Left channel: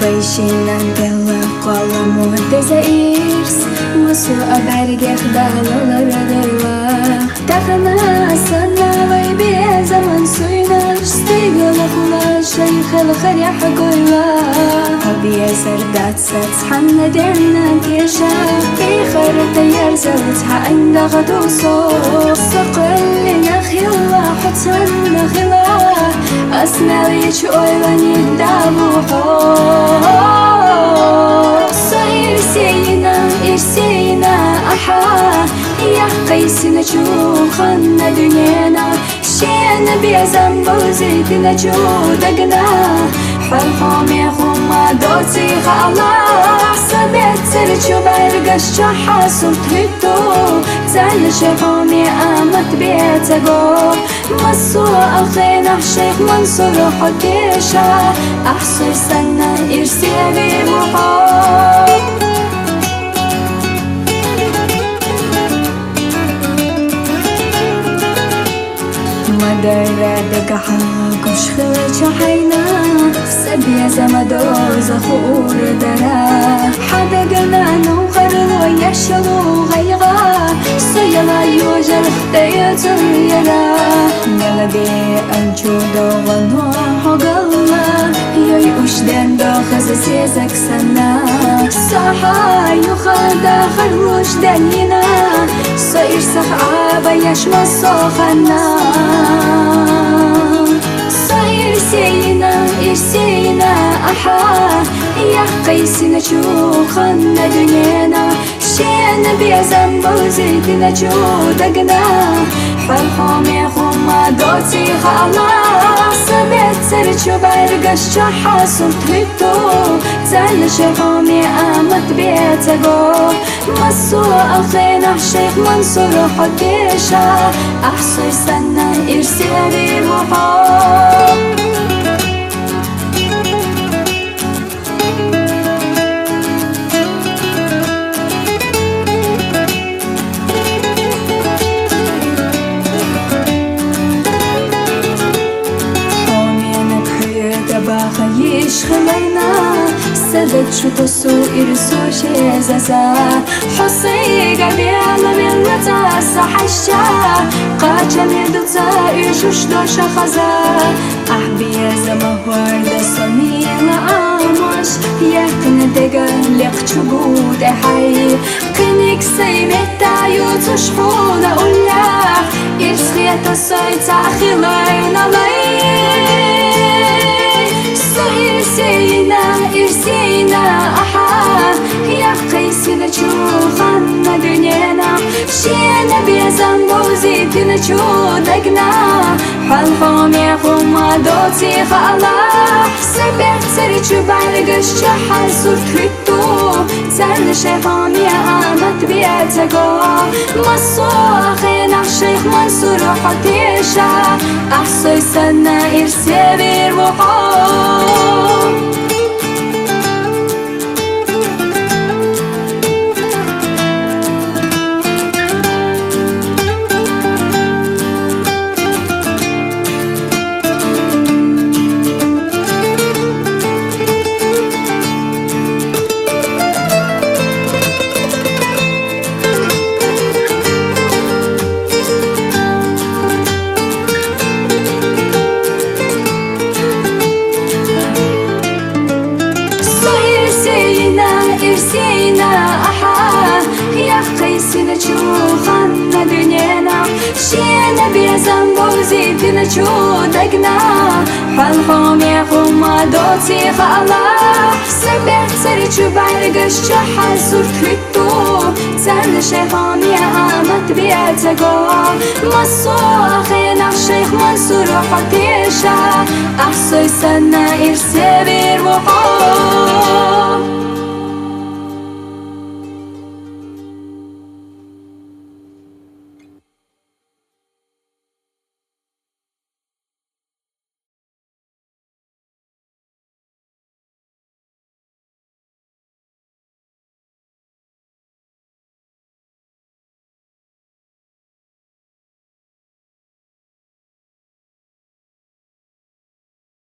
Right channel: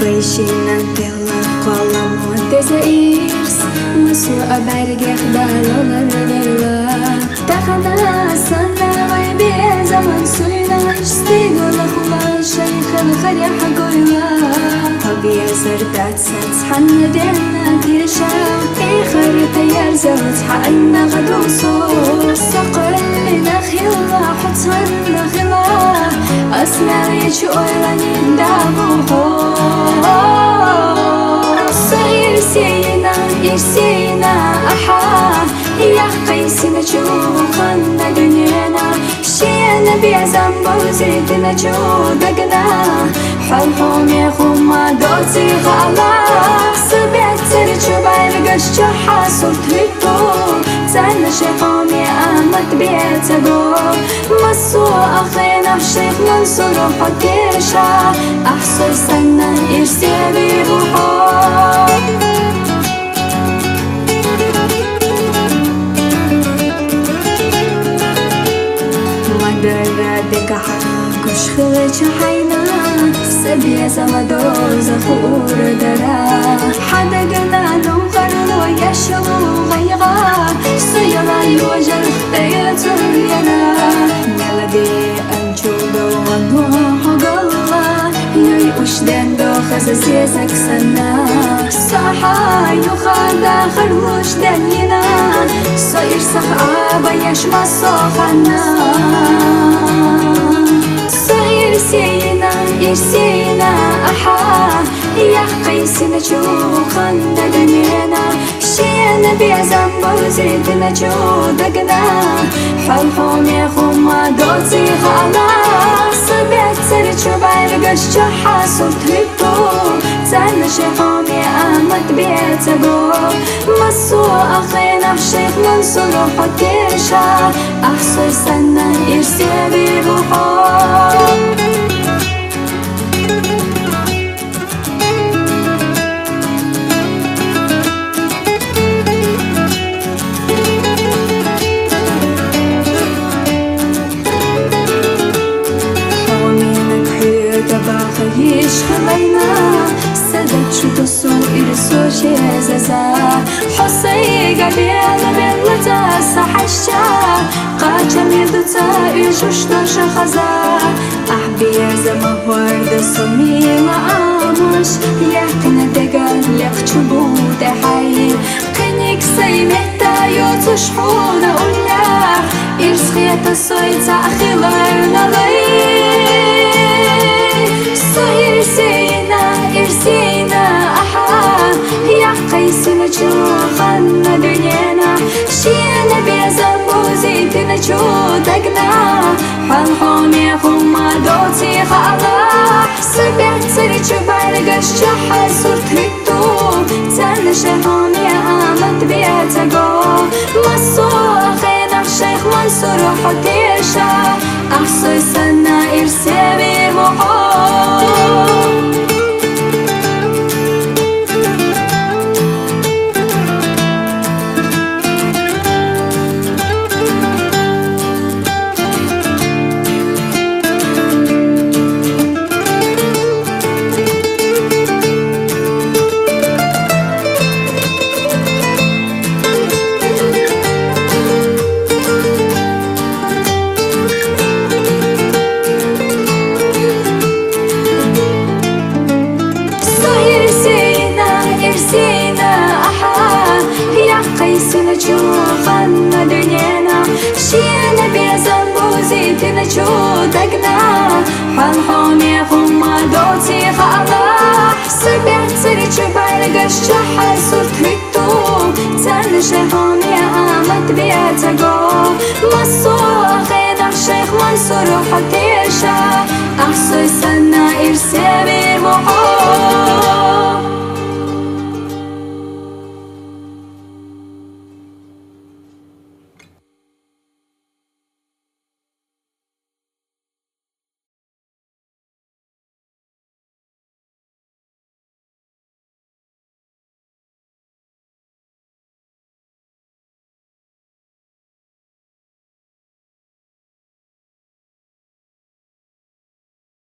Vaikinan dela kolamo desairs Masu abergeh dalalara dayla Takhana sana vay bir zaman suyna Stigla khula shaykh al-kharih goyla Habiya zardat satshanna derna kesha Ikhar tayar zawtha inda ghaduso Saqallina khila hutsanna khila أسمع ليش أولاني دابوحو صغير سينا إرسينا أحا يا قيسنا شوخنا دنيانا شينا بيزن بوزيتنا شو دقنا حلحوم يخوما دوتي غالا سبيت سرچو برگش چاحا صورت هيتو زن شحوم يأمت بيتگو مسو أخينا الشيخ منصور حديشا أحصي سنة إرسي بيروحو مدرة دقحة قش خلج حينا سبيا زمدو زخور درا حدا قنا نوغر لو يشلو غيغا سيلا يوجر خطيتر يلا ملدي أنجو دوغنو حقلا يوي أشدن دو خززي زكسنا صحا يخدا خرلوش دنينا صير صحابا يشما صخنا سينا إرسينا أحا يا قيسنا شوخنا دنيانا شينا بيزن بوزيتنا شو دقنا حلحوم يخوما دوتي غالا سبيت سرچو برگش چاحا صورت هيتو زن شحوم يأمت بيتگو مسو أخينا الشيخ منصور حديشا أحصي سنة إرسي بيروحو باخ يشخلينا سدد شو تسو إرسو شيزازا حصي قلبي على ملتا صحشا قاچا ميردوتا يشوش دوش خزا أحبي زما ورد صميلة آموش يقن دقا لقچو بود حي قنيك سيمتا يوتوش حونا أولاح إرسخيتا سويتا أخيلارنا لي إرسينا أحا يا قيسنا شوخنا دنيانا شينا بيزن بوزيتنا شو دقنا حلحوم يخوما دوتي خالا سبيت سرچو برگش چاحا صورت هيتو زن شحوم يأمت بيتگو مسو أخينا الشيخ منصور حديشا أحصي سنة إرسي بيروحو إرسينا أحا يا قيسنا شوخنا دنيانا شينا بيزن بوزيتنا شو دقنا حلحوم يخوما دوتي خالا سبيت سرچو برگش چاحا صورت هيتو زن شحوم يأمت بيتگو مسو أخينا الشيخ منصور حديشا أحصي سنة إرسي بيروحو